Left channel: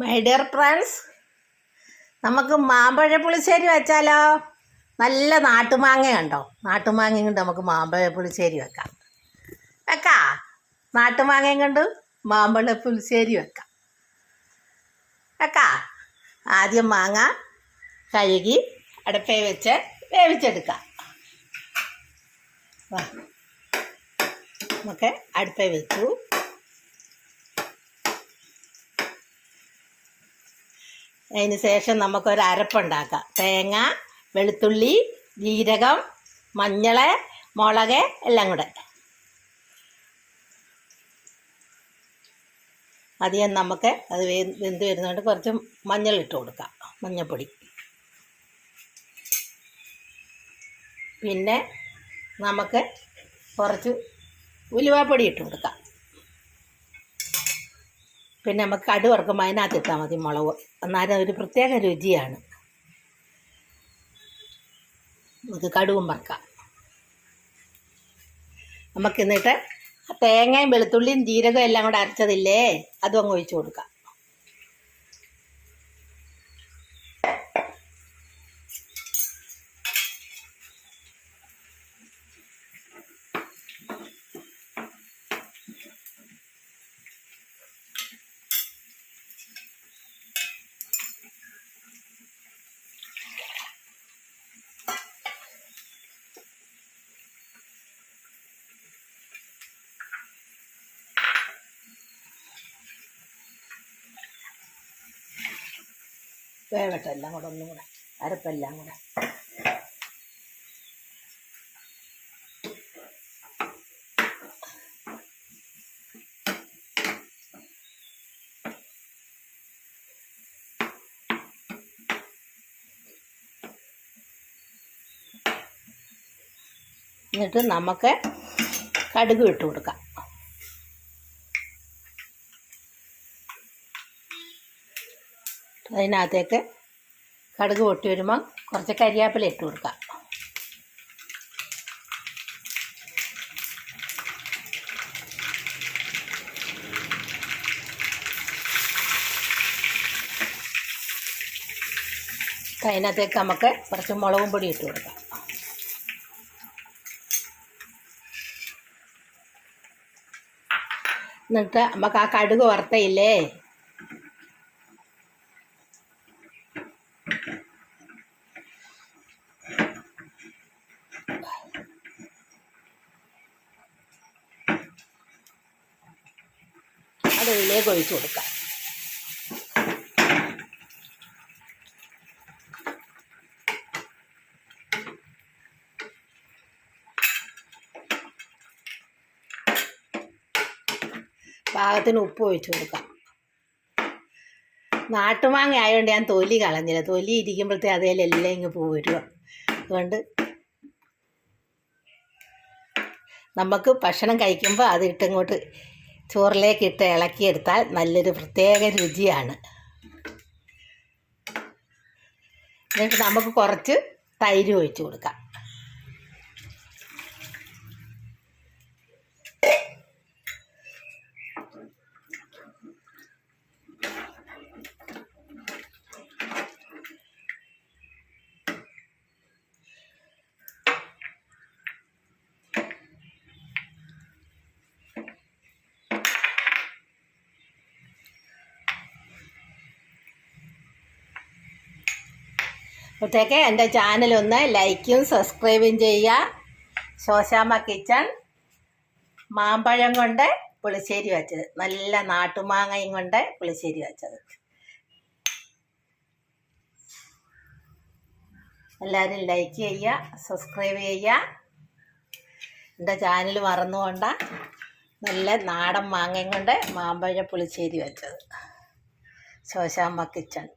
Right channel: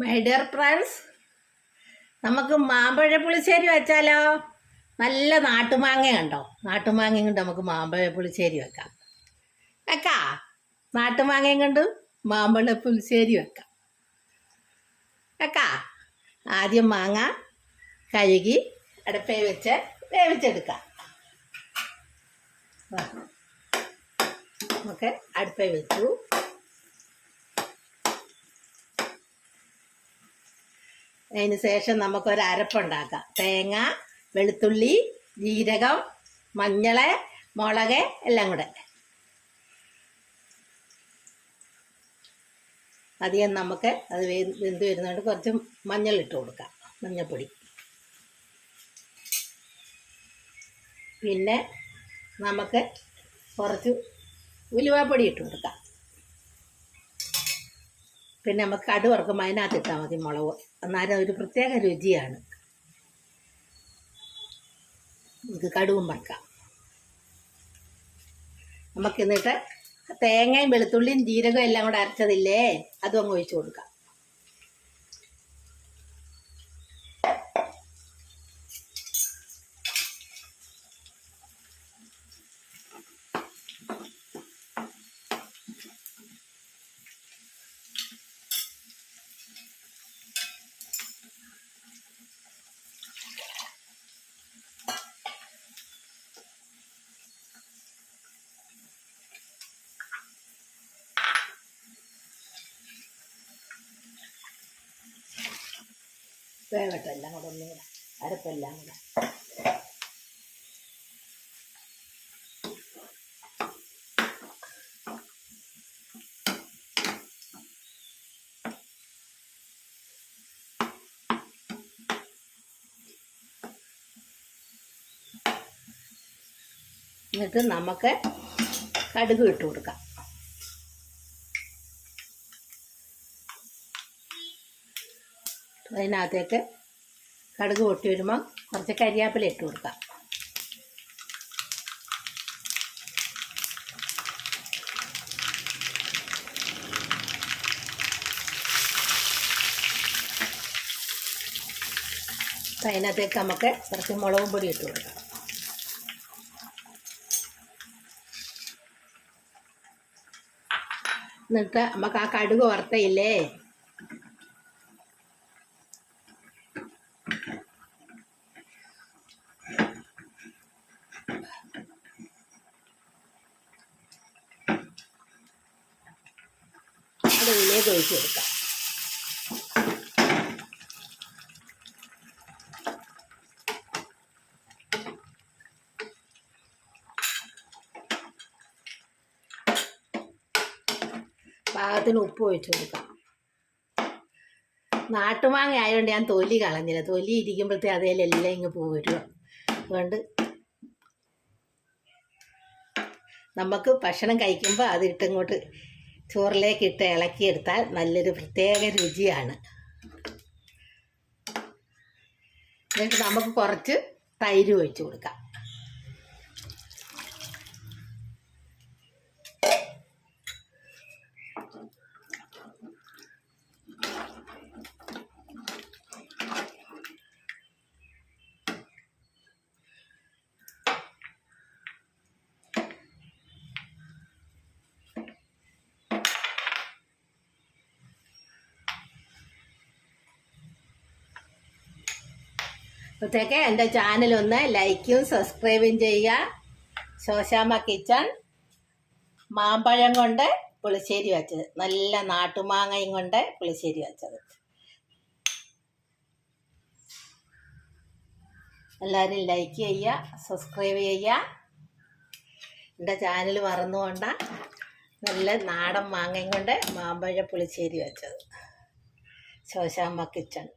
My dear friends, നമുക്ക് മാമ്പഴ പുളിശ്ശേരി വെച്ചാലോ? നല്ല നാട്ടുമാങ്ങ ഉണ്ടോ? നാട്ടുമാങ്ങയും കൊണ്ട് നമുക്ക് മാമ്പഴ പുളിശ്ശേരി വെക്കാം. നാട്ടുമാങ്ങയും കൊണ്ട് മാമ്പഴ പുളിശ്ശേരി വെക്കാം. ആദ്യം മാങ്ങ കഴുകി അടുപ്പേ വെച്ച് വേവിച്ചെടുക്കാം. നമുക്ക് അടുപ്പേ വെച്ചു. അതിന് ശേഷം നമുക്കൊരു അരപ്പുണ്ടാക്കാം. തേങ്ങ, വെളുത്തുള്ളി, ജീരകം, മഞ്ഞൾ, മുളക് എല്ലാം കൂടെ. ആദ്യം നമുക്ക് അത് വെന്ത് വരുന്നതുകൊണ്ട് കുറച്ച് മഞ്ഞളിട്ട് കൊടുക്കാം, മഞ്ഞൾപ്പൊടി. പിന്നെ നമുക്ക് കുറച്ച് ഉലുവാപ്പൊടി ഇട്ട് കൊടുക്കാം. പിന്നെ നമുക്ക് കടുക് വറുക്കുമ്പോൾ അതിനകത്ത് ഇട്ടാൽ മതി മുളക്. എന്നാലും ഒരു പ്രത്യേക രുചിയാണ്. നമുക്ക് കടുകും വറുക്കാം. നമുക്ക് എന്നിട്ട് തേങ്ങയും വെളുത്തുള്ളിയും ജീരകവും എല്ലാം കൂടെ അരച്ചതില്ലേ, അതും അങ്ങ് ഒഴിച്ച് കൊടുക്കാം. വേവട്ടെ എല്ലാം കൂടെ, ഒന്നും കൂടെ അരപ്പെല്ലാം കൂടെ. എന്നിട്ട് നമുക്ക് കടുക് ഇട്ട് കൊടുക്കാം. അതിനകത്തേക്ക് കടുക് പൊട്ടി വരുമ്പോൾ കുറച്ച് കരിയാപ്പില ഇട്ട് കൊടുക്കാം. അതിനകത്തേക്ക് നമുക്ക് കുറച്ച് മുളകും പൊടി ഇട്ട് കൊടുക്കാം. എന്നിട്ട് നമുക്ക് ആ കടുക് വറുത്തയില്ലേ, അത് ഇതിലേക്ക് ഒഴിച്ച് കൊടുക്കാം. പാകത്തിന് ഉപ്പ് ഒഴിച്ച് കൊടുക്കാം. നാട്ടുമാങ്ങ ആയതുകൊണ്ട് ഞാൻ തൊലി കളഞ്ഞില്ല. തൊലി ഇരിക്കുമ്പോഴത്തേ അതിലെല്ലാം ഇങ്ങ് പോരുക. അതുകൊണ്ട് നമുക്ക് ഭക്ഷണം കഴിക്കുമ്പോൾ അത് ഇട്ടിങ്ങോട്ട് ചോറിലേക്ക് ഇട്ട് ഇളക്കിയെടുത്താൽ നല്ലൊരു പ്രത്യേക രുചിയാണ്. എന്നിട്ട് നമുക്ക് കുറച്ച് തൈര് ഒഴിച്ച് കൊടുക്കാം. അപ്പോഴത്തേക്ക് എൻ്റെ ചാനലൊന്ന് ലൈക്കും സബ്സ്ക്രൈബും ചെയ്യുക. ശോശാമ്മ കിച്ചൺ മാമ്പഴം കൊണ്ട് പുളിശ്ശേരി വെച്ചത്, നല്ല നാട്ടുമാങ്ങയും കൊണ്ട് പുളിശ്ശേരി വെച്ചത്. എല്ലാവരും ലൈക്ക് ചെയ്യുക, സബ്സ്ക്രൈബ് ചെയ്യുക. എൻ്റെ ചാനൽ മറന്നുകൊണ്ട നല്ല നാടൻ മാങ്ങയും കൊണ്ട് മാമ്പഴ പുളിശ്ശേരി വെച്ചത്, ശോശാമ്മ കിച്ചൺ.